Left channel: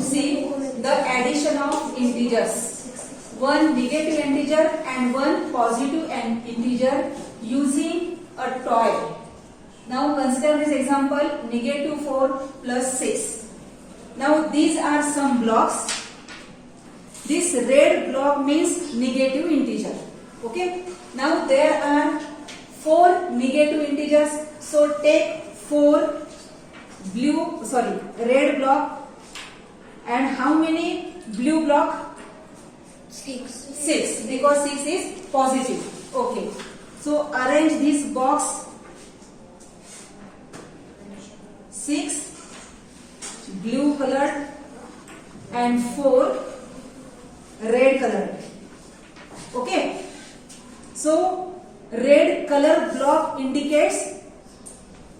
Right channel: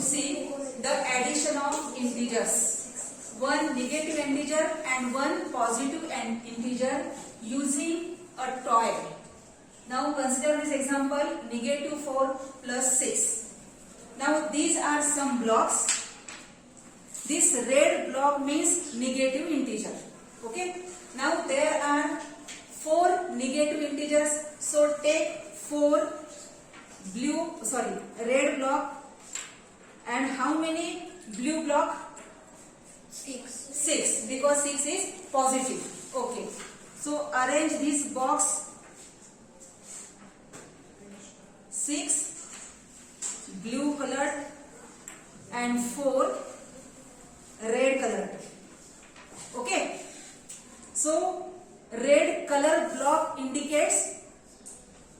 see the addition of integers. One negative integer and one positive integer using a toy. Now consider this example, negative 4 plus 6. Now these are some blocks. This red block means negative integer. Okay. Now there are 4 negative integers. So take 4 red block, and how many blue block? 6, because 6 is positive. Okay. So arrange this box. 6 blue colored and 4 red colored. Okay. So red color block indicates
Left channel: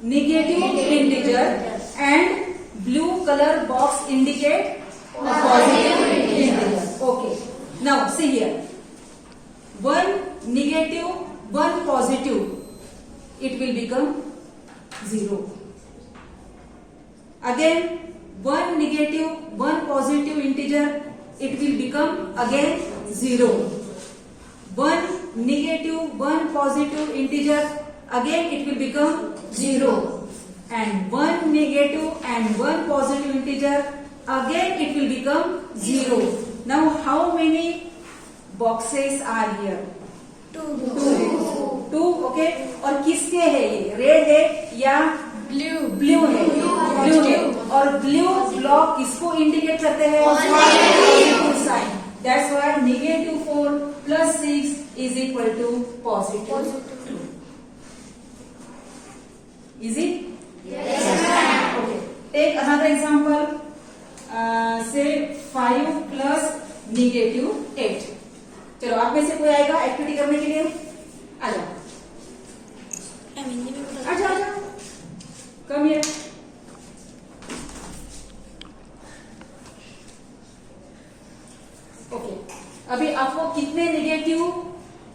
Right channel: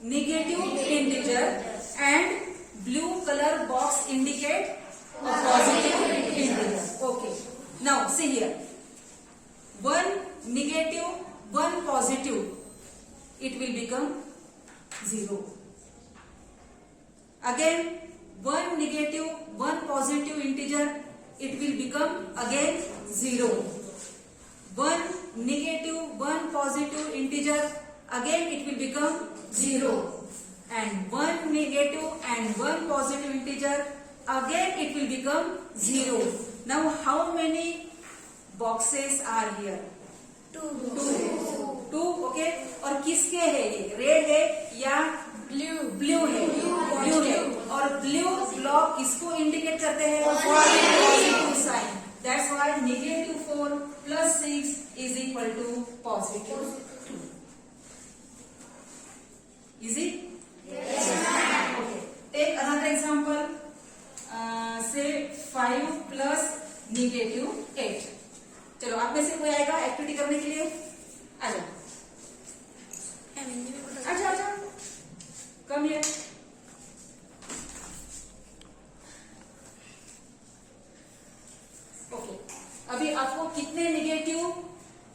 negative integer and blue color box indicate positive integer. Okay. Now see here. 1 negative, 1 positive. It will become 0. Again 1 negative, 1 positive integer. It will become again 0. 1 negative, 1 positive integer. Again it will become 0. And 1 negative and 1 positive integer. Again it will become 0. Now how many boxes are here? 2. Okay. और किसके है ये? Red है या blue है? Blue है. और blue block किसको इंडिकेट करते हैं? Positive sign. That's why negative 4 plus 6 is equal to positive 2. Easy? Yes. Okay. Take another example. Say 5 plus negative 8. चलो आप में से कोई आएगा एक्टिविटी करने के लिए? आ जाओ. आजा. Come here. ओके. अभी आपको कितने नेगेटिव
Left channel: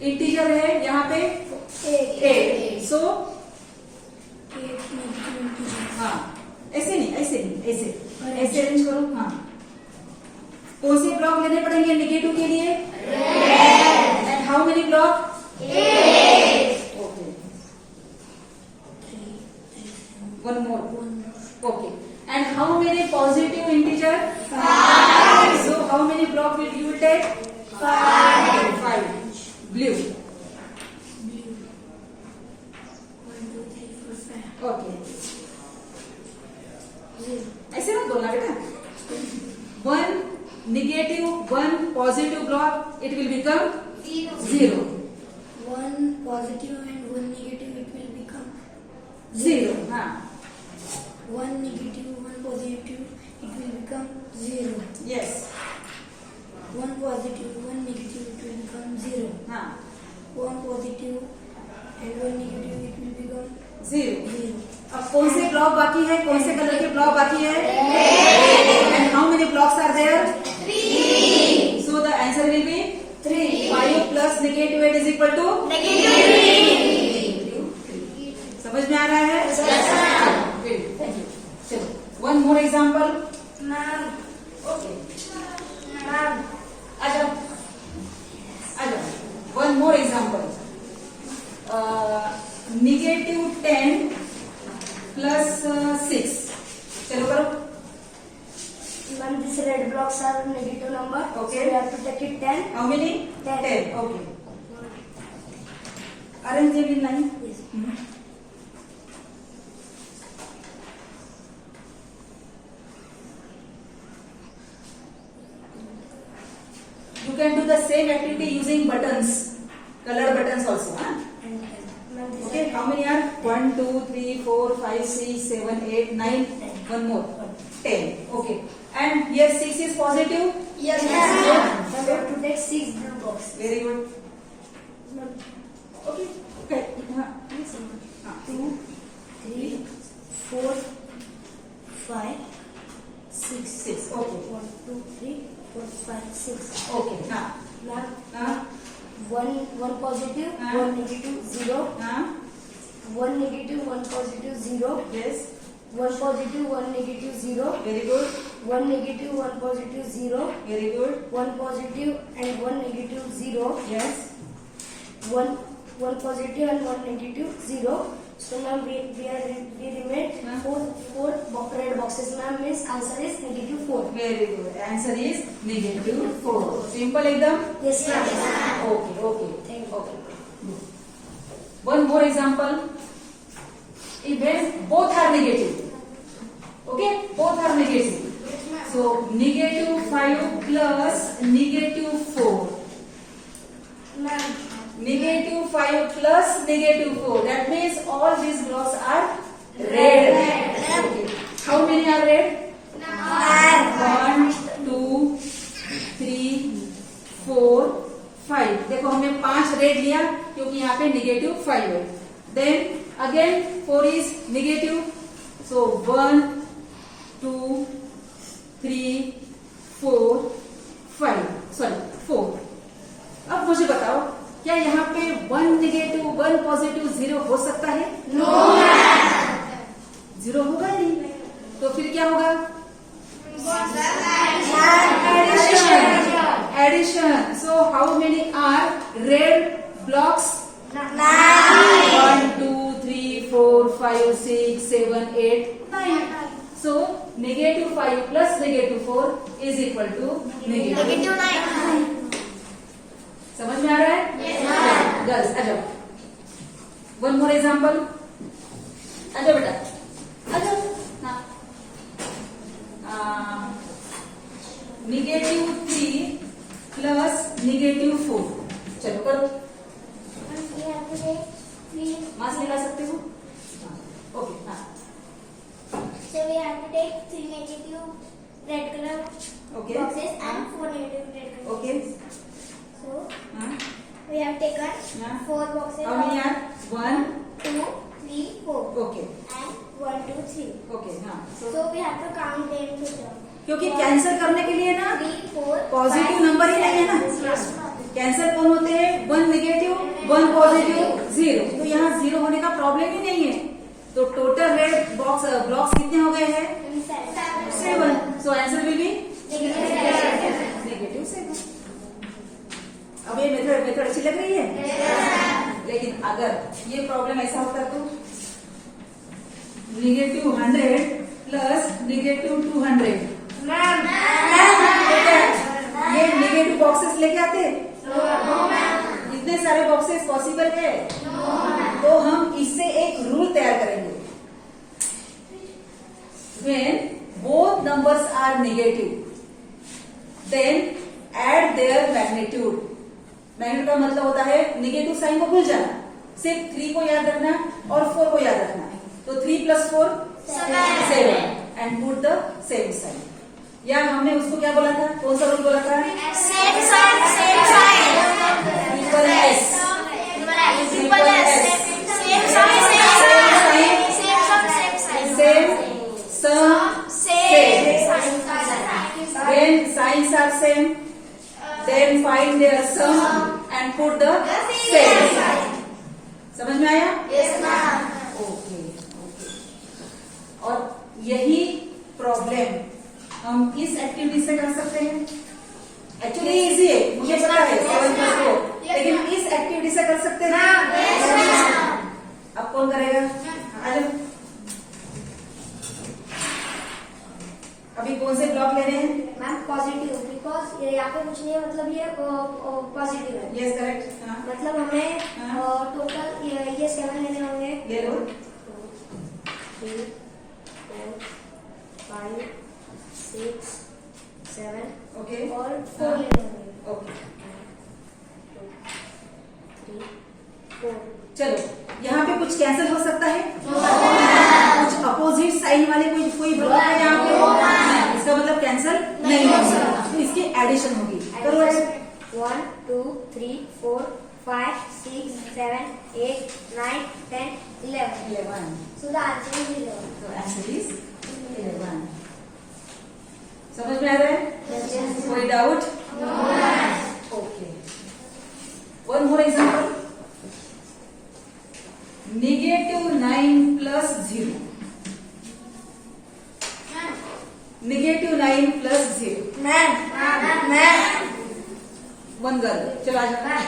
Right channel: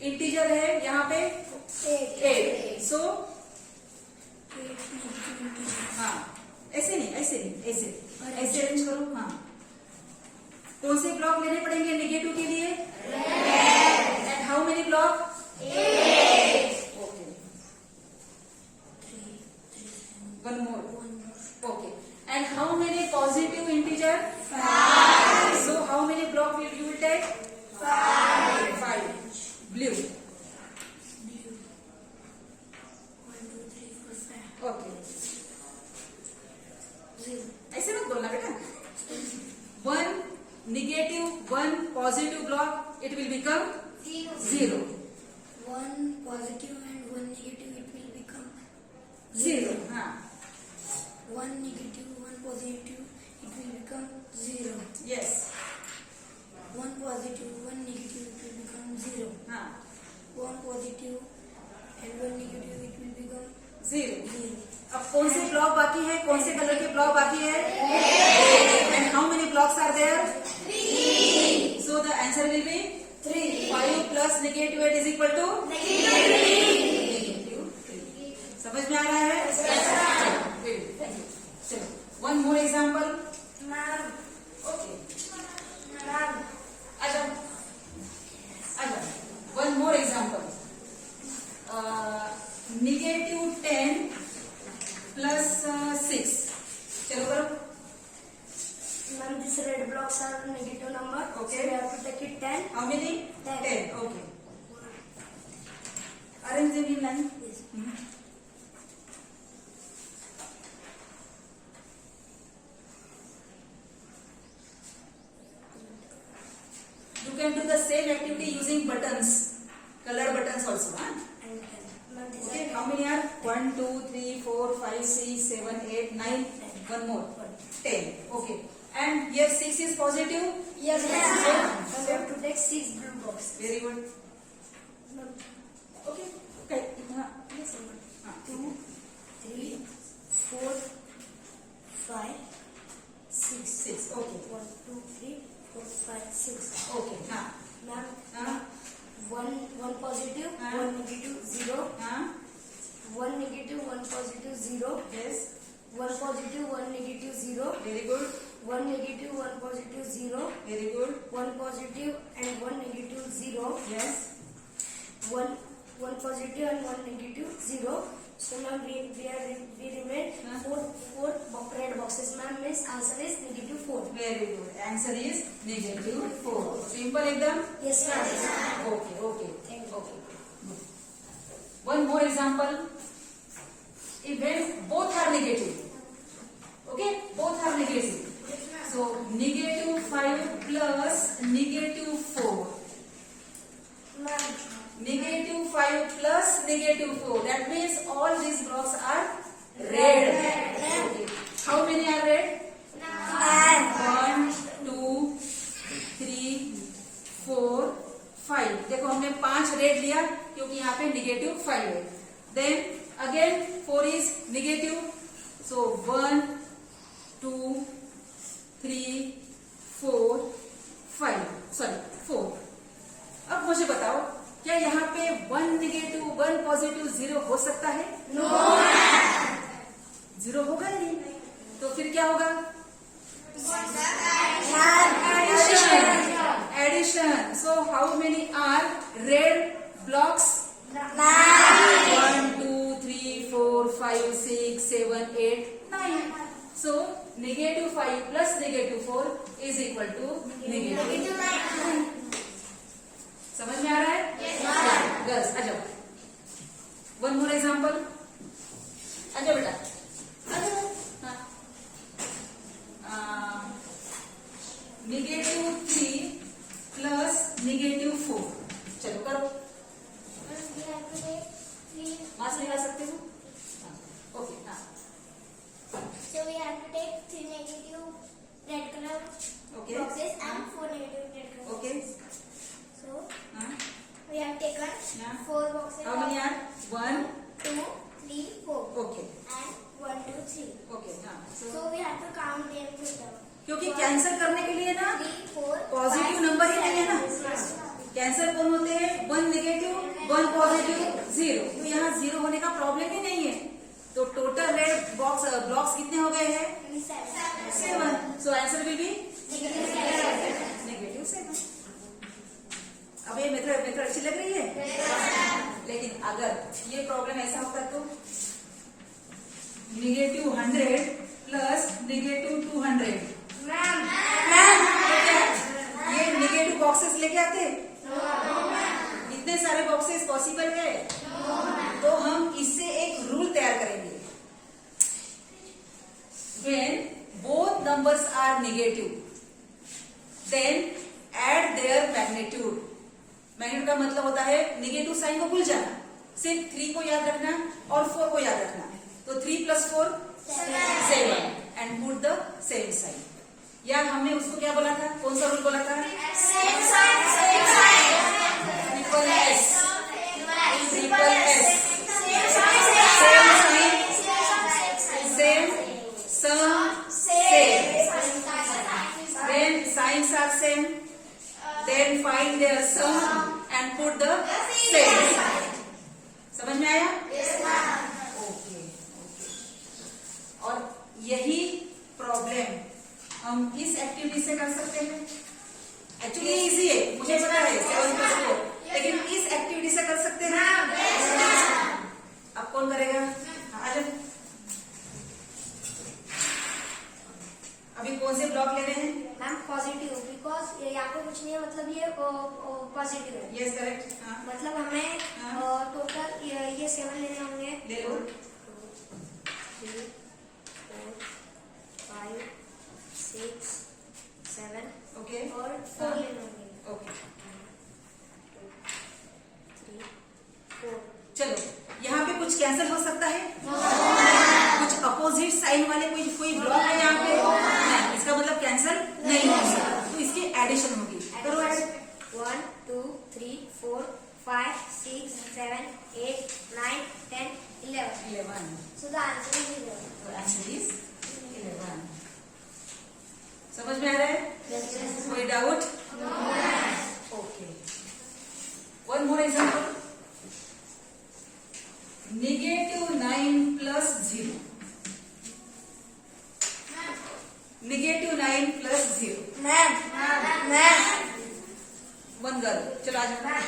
इंटीजर है यहाँ पे? 8. सो हाँ, ऐसे अरेंज करो. हाँ, कौन से ब्लॉक लेने पड़ेंगे नेगेटिव के लिए? And how many block? 8. Okay. One more. Okay. And how many positive integer? 5. So how many block you will take? 5. Blue. 1, 2, 3, 4, 5. Okay. ऐसे मत बोलना बेटा. 1 negative, 1 positive block. It will become 0. 1 positive and 1 negative. It will become 0. हाँ. 1 negative, 1 positive, it will become 0. Yes. 1 positive, 1 negative, it will become 0. हाँ. 1 positive and 1 negative, it will become 0. 0. अब कौन से block बाकी है? कौन से कलर के ब्लॉक बाकी है? And how many blocks are there? 3. So the answer will be 3. 5 plus negative 8 is equal to Negative 3. समझ में आ रहा है? चलो, one more example. Ma'am. Okay. Ma'am. आ जाओ. One more example. Negative 10 plus 6. चलो करो. Ma'am, these red blocks are negative number. Okay. So we have to take it 10. How many? 10. Okay. Arrange them in line. Yes. You can do the same activity using buttons, colored buttons also. Huh? Ma'am, this Okay, how many are? 1, 2, 3, 4, 5, 6, 7, 8, 9. One more. 10. Okay. And here 6 is positive. Yes, ma'am. So we have to take 6 blue blocks. Very good. Ma'am, Okay. Okay. Yes. 2, 3, 4, 5, 6. 6. Okay. 1, 2, 3, 4, 5, 6. Okay. Now. Ma'am, one positive, one negative, 0. 1 negative, 1 positive, 0. Yes. 1 positive, 1 negative, 0. Very good. 1 negative, 1 positive, 0. Very good. 1 positive and 1 negative, 0. Yes. 1 positive and 1 negative, 0. So now we remain Huh? four red boxes. Ma'am, means answer is negative 4. Very good. Answer is negative 4. Simple एकदम. Yes, ma'am. Okay. Thank you. Good. One more example. When both are negative. Okay, both are negative. So negative 5 plus negative 4. Ma'am, Negative 5 plus negative 4. That means all these blocks are red. Okay. How many are red? 1, 2, 3, 4, 5. देखो हमने 5 red लिया क्योंकि यहाँ पे negative 5 है. Then again 4 is negative. So 1, 2, 3, 4, 5. Sorry 4. अब मुझे बताओ क्या यहाँ पे 1 नेगेटिव 1 पॉजिटिव 0 हो सकता है? नो. 0 होगा ही नहीं. तो फिर क्या होगा? Addition. So how many are red blocks? 1, 2, 3, 4, 5, 6, 7, 8, 9. So negative 5 plus negative 4 is equal to negative 9. समझ में आ रहा है? Yes. गर्ल्स आ जाओ. One more example. आ जाओ बेटा. आ जाओ. Negative 3 plus negative 4. चलो करो. मास निकाल सकते हो? ओके. हाँ. So we have to take 3 negative red color Okay. boxes and 4 negative red color Okay. boxes. So हाँ. we have taken Yeah. 4 boxes How many are? 1. 2, 3, 4 Okay. and 1, 2, 3. Okay. हाँ. So we have to count them together. क्योंकि cancel करने के लिए ना 3, 4, positive 5, number ही नहीं है ना. 6, कैंसिल कौन होते हैं? 1 नेगेटिव 1 पॉजिटिव 0. तो यहाँ 0 होने का प्रॉब्लम ही नहीं है. तो टोटल रेड ब्लॉक्स कितने हो गए हैं? 7. So answer will be negative 7. अब ये मेथड अच्छी लग रही है? लेकिन अगर ये प्रॉब्लम ऐसा होता तो नेगेटिव 100 प्लस नेगेटिव 200. ma'am, ये नेगेटिव बॉक्सेस लेके आते? इतने सारे बॉक्सेस पॉसिबल है? तो हम इससे एक रूल तैयार करेंगे. When both numbers are negative, then add their magnitude. Magnitude का मतलब होता है नेगेटिव साइन को भूल जाना. सिर्फ 3 को याद रखना और 4 को याद रखना. तो 3 plus 4 7 and put the same sign. या हमने उसको क्या बोला था? कौन सा रूल बोला था? Same sign, same sign. Triple S. Triple S. Same sign, same sign. Same sign, same sign. Same same Same same. sign. When signs are same, then find their sum and put the same. समझ में आया? Yes, ma'am. Okay. और यही problem हम इस activity से कर सकते हैं. एक्चुअली इजी है, मुझे पता है 7+4, लेकिन इस एक्टिविटी से कर सकते हैं. अब कौन करेगा? आ जाओ. अभी कौन से ब्लॉक लेने हैं? मैम पॉजिटिव बिकॉज यहाँ पे कुछ नहीं है, मतलब ये पॉजिटिव है. Yes correct. मतलब हमें टोटल ये 7 लेने होंगे. ले लो. 3, 4, 5, 6, 7 ओके. और 4 लेने होंगे. ओके. 2, 3, 4. चलो यहाँ पे कुछ कैंसिल हो सकता है? कुछ अपोजिट साइन वाले कोई ब्लॉक है यहाँ पे? नहीं. इसका मतलब कैंसिल नहीं हो सकता. तो इसकी एडिशन होगी. करो ऐसे. 1, 2, 3, 4, 5, 6, 7, 8, 9, 10, 11. 11. So the answer is 11. तो आंसर इज 11. समझ में आ रहा है? कोई doubt? Okay. One more example. negative 9 plus 0. -9 plus 0। One girl, चलो आ जाओ। हाँ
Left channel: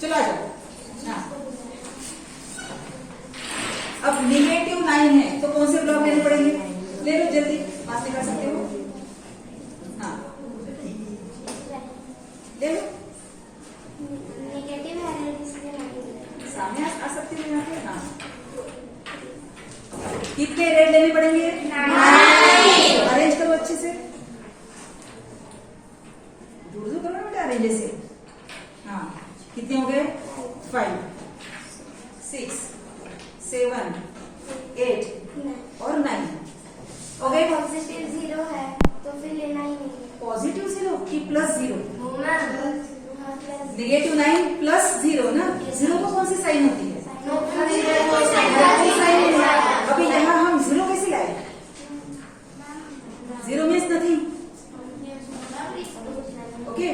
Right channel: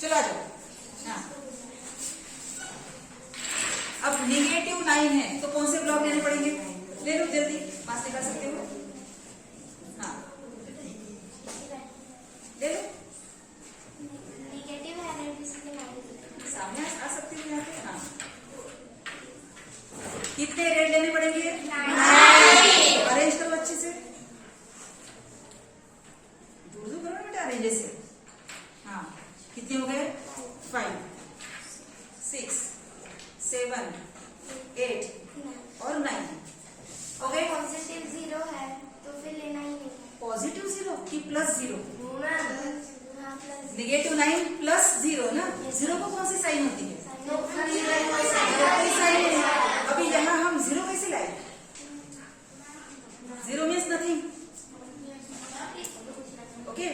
चलो आ जाओ। हाँ अब -9 है तो कौन से ब्लॉक लेने पड़ेंगे? ले लो जल्दी, पास निकाल सकते हो। हाँ ले लो, नेगेटिव है जिसमें नहीं सामने आ सकते हो यहाँ पे। हाँ कितने रेड लेने पड़ेंगे? अरेंज करो अच्छे से, दूर करो ना बेटा अरेंज से। हाँ कितने हो गए? 5 6 7 8 और 9 हो गए। पॉजिटिव 0 है तो फिर लेना ही नहीं। पॉजिटिव 0 की प्लस 0? प्लस -9 प्लस 0 ना। 0 को कौन सी साइन होती है? कोई साइन नहीं है। अभी यहाँ हम 0 कैसे लाए? 0 मीन्स नथिंग। ओके,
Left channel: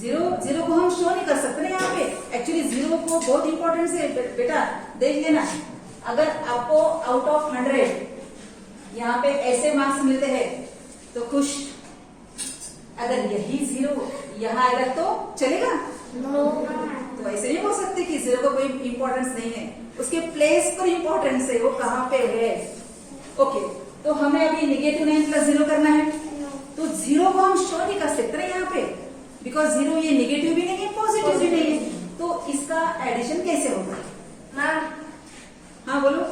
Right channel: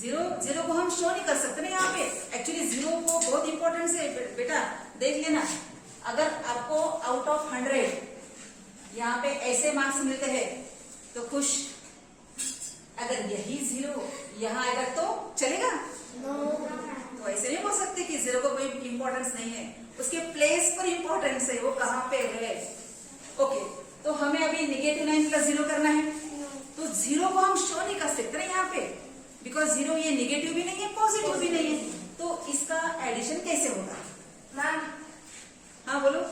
0 को हम शो नहीं कर सकते ना यहाँ पे। एक्चुअली 0 को बहुत इंपॉर्टेंट है बेटा, देख लेना। अगर आपको आउट ऑफ 100 यहाँ पे ऐसे मार्क्स मिलते हैं तो खुश। अगर यही 0 यहाँ आएगा तो चलेगा? तो ऐसे नहीं बोल सकते कि 0 को कोई इंपॉर्टेंस नहीं है, उसके प्लेस पर इंपॉर्टेंस है, वो कहाँ पे है। ओके, तो हमें अभी -9 प्लस 0 करना है, तो 0 को हम शो नहीं कर सकते ना यहाँ पे, बिकॉज 0 ये नेगेटिव भी नहीं है, पॉजिटिव भी नहीं है। तो इसका एडिशन कैसे होगा? मैम हाँ बोलो।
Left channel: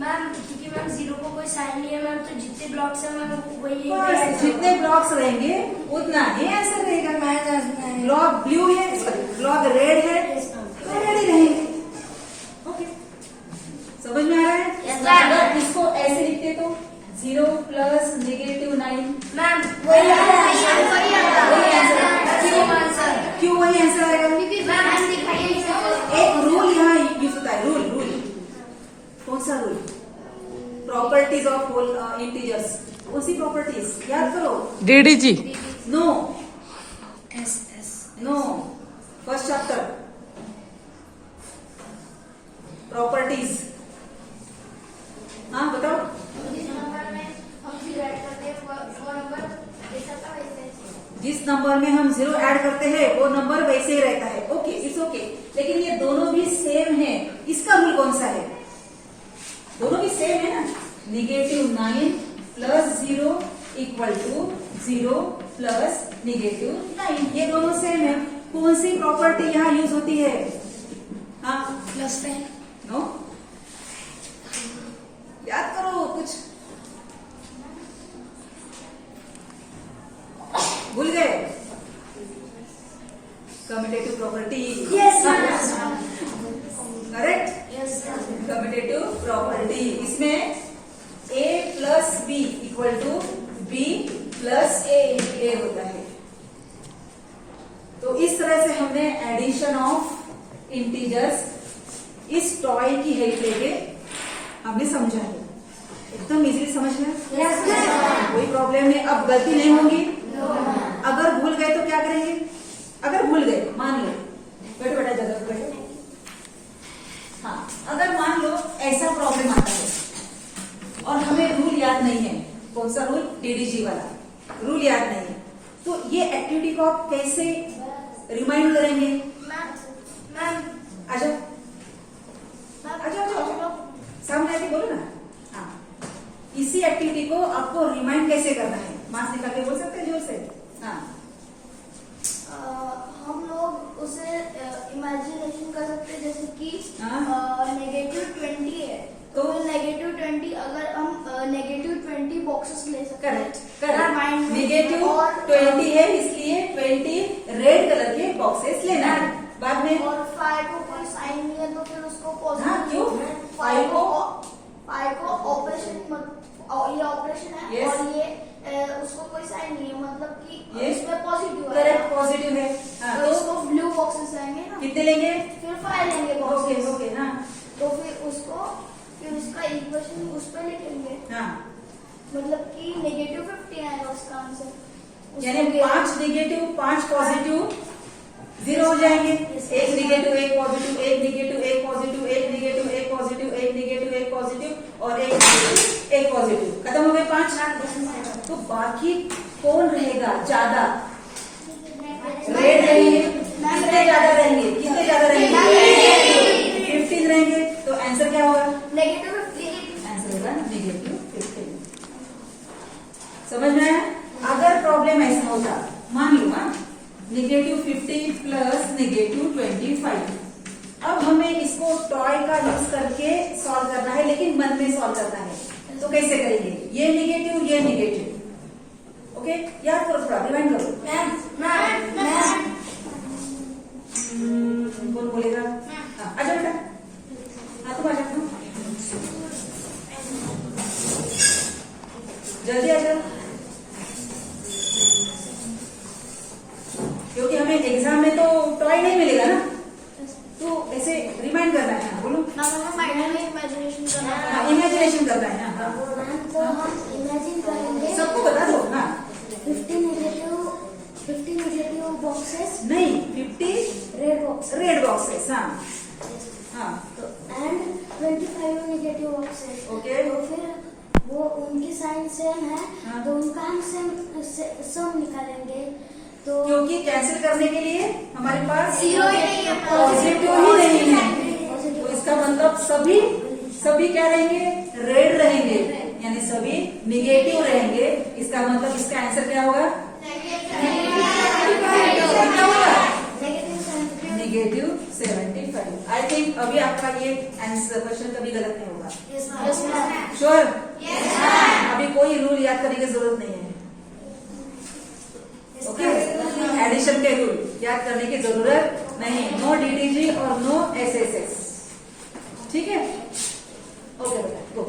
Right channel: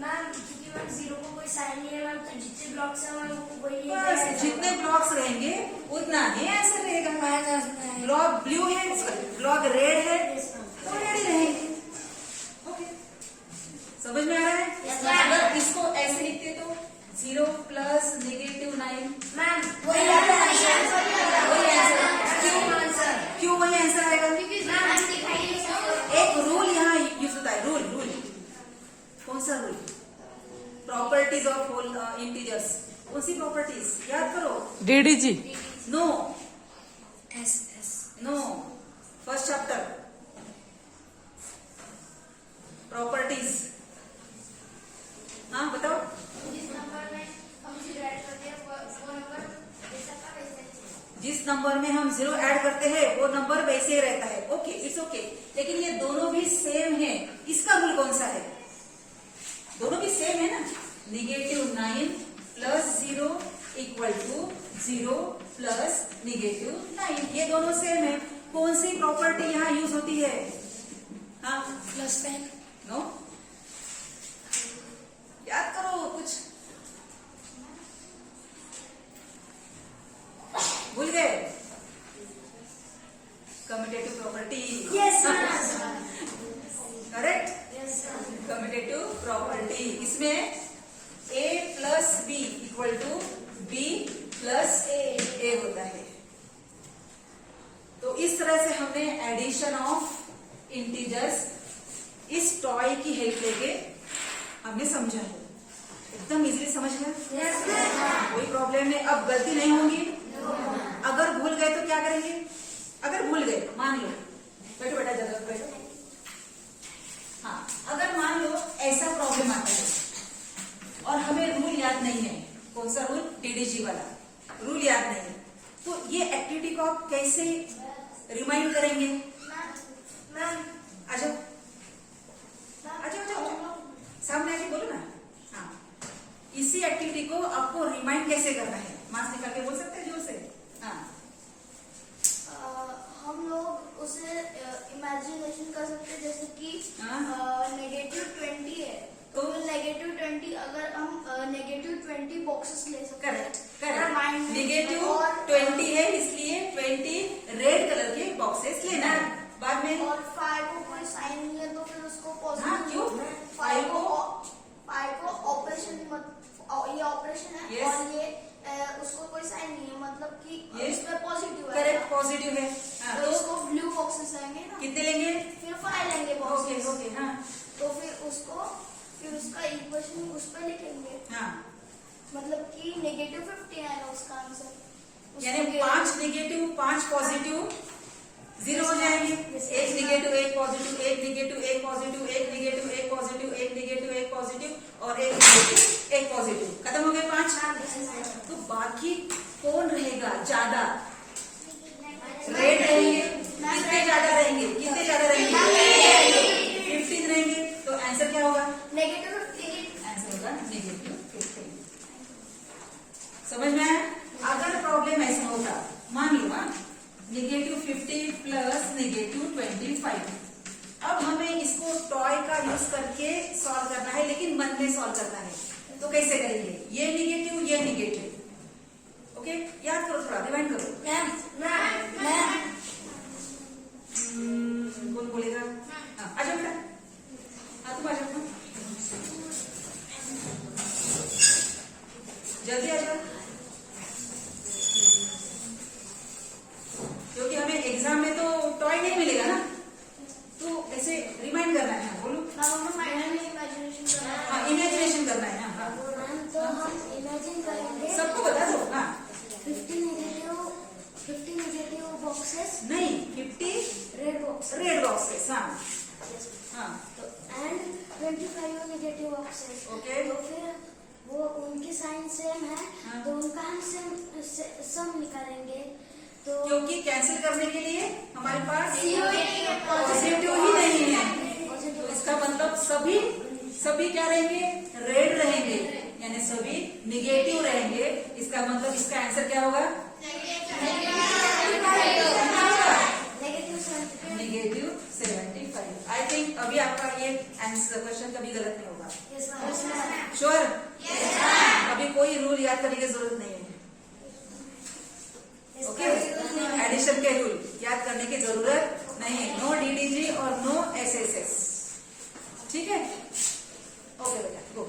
मैम क्योंकि मैम 0 को कोई साइन नहीं है मैम, तो जितने ब्लॉक्स है मैम वही बस जितने ब्लॉक्स रहेंगे उतना ही आंसर रहेगा। ब्लॉक ब्लू है, ब्लॉक रेड है तो रेड ही रहेंगे। ओके, समझ में आ रहा है? Yes, ma'am. अगर इसको ऐसे लिखते तो 0 प्लस -9 मैम वही आंसर। क्यों वही आंसर आएगा? क्योंकि मैम दिखाइए एक रूल यहाँ यूज होता है। रूल कौन सा rule? Properties of whole integers. कौन सी प्रॉपर्टीज याद करो? DDG no no, first chapter properties. हाँ बताओ। जिस नंबर में हम 0 ऐड करते हैं वो नंबर वैसे ही रहता है। Okay, it's okay. लेकिन ये दोनों भी सेम है, इसका रूल कौन सा है? दोनों भी सेम है ना। -9 प्लस 0 इक्वल टू 0 प्लस -9, ये दोनों सेम है। कौन सी प्रॉपर्टी यहाँ यूज होती है? हाँ प्लस नो, याद करो कुछ, भूल गए? Commutative property. Correct, commutative property. इसमें A plus B equal to B plus A होता है। तो इस तरह से हमने एडिशन ऑफ इंटीजर्स इस टॉय की हेल्प लेके हमने समझा है। एकदम इजीली समझ गया, कोई प्रॉब्लम नहीं। अब गलती नहीं होगी। अगर भूल गए तो क्या करेंगे? अगर भूल गए, मान लो, बैठो बेटा जगह पे बैठो। हाँ, अगर मान लो ऐसा प्रॉब्लम आता है और हमें रूल याद नहीं है। कौन सा रूल? DDG वाला रूल याद नहीं है, तो ये एक्टिविटी को आप कैसे रिमाइंड करेंगे? मैम आ जाओ, सामने आके बोलो ना। हाँ, इसी एक्टिविटी को आपको रिमाइंड कैसे करना है? मार्क्स निकाल के बोल सकते हैं जोर से। हाँ, हम लोग उसे इमेजिनेशन कर सकते हैं, जैसे कि -20 है तो -20 अगर हम -20 बॉक्सेस ले सकते हैं। करेक्ट। माइंड -20 है इसलिए 20 रेड कलर के बॉक्सेस लेना है। बाद में और 5 को कोई साइन नहीं है तो फिर उसको हाँ, पॉजिटिव। क्यों? 5 को ऑपरेशन ये ऑपरेशन है। Yes. और ये उसको कोई साइन नहीं है, मतलब कि Yes. इसमें पॉजिटिव है। करेक्ट, पॉजिटिव है। हाँ, तो तो उसको ब्लू बॉक्सेस आएंगे ना, कितने लेंगे? फिर 5 लेंगे ओके बॉक्सेस। ओके। हाँ तो फिर उसका इक्वेशन उस पर लिखेंगे, हाँ, मतलब कि -50 आएगा उसका आंसर। यानी 5 नेगेटिव 5 पॉजिटिव 0 हो जाएंगे। एक नेगेटिव एक पॉजिटिव, एक नेगेटिव एक पॉजिटिव, एक नेगेटिव एक पॉजिटिव, एक नेगेटिव एक पॉजिटिव और एक नेगेटिव एक पॉजिटिव, खत्म हो गए 5। तो बाकी कौन रहेगा ज्यादा? रेड रहेंगे। कितने ज्यादा रहेंगे? कितने ज्यादा रहेंगे? 15 रहेंगे। तो आंसर क्या होगा? नेगेटिव 15। आंसर होगा नेगेटिव 15। समझ में आया? अगर प्रॉब्लम ऐसा होता, मान लो हाँ, नेगेटिव 50 प्लस नेगेटिव 25, अब हमें इसको टॉय का यूज करके सॉल्व करना है, लेकिन मन में सॉल्व करना है। तो कैसे करेंगे? ये नेगेटिव, ये नेगेटिव। ओके, याद करो, थोड़ा रिवाइंड करो। कौन बोलेगा? हाँ, आ जाओ बेटा। हाँ, तुम आ जाओ, जल्दी आ जाओ, क्योंकि हमें एग्जाम में तो टॉय नहीं मिलेगा ना, तो ऐसे रिमाइंड करना है। हाँ, बोलो। इमेजिनेशन करना है। हाँ, इमेजिनेशन करना है। हाँ, मैम तो हम इमेजिन करेंगे सबको बता दो ना। 50 नेगेटिव बॉक्सेस, नहीं, 50 रेड बॉक्स रेड बॉक्सेस। हाँ हाँ, तो एंड 25 नेगेटिव बॉक्सेस। ओके। तो फिर वो उनकी साइन सेम है, हाँ। तो उनका हम सम निकालेंगे। तो क्योंकि कैंसिल करने के लिए हमारे पास Zero ही नहीं है, पॉजिटिव ही नहीं है, तो इसका मतलब सभी क्या रहेंगे? रेड रहेंगे, यानी सभी निगेटिव रहेंगे। इसका मतलब इसका आंसर क्या होगा? नेगेटिव 75। आई थिंक अभी आपका ये आंसर क्वेश्चन कभी गलत नहीं होगा। श्योर? अभी कोई रूल याद करने की जरूरत नहीं है। ओके, एडिशन के रूल याद करने की जरूरत नहीं है। नो डीडीजी और नो एसएसएस। ठीक है? ओके बेटा, गो।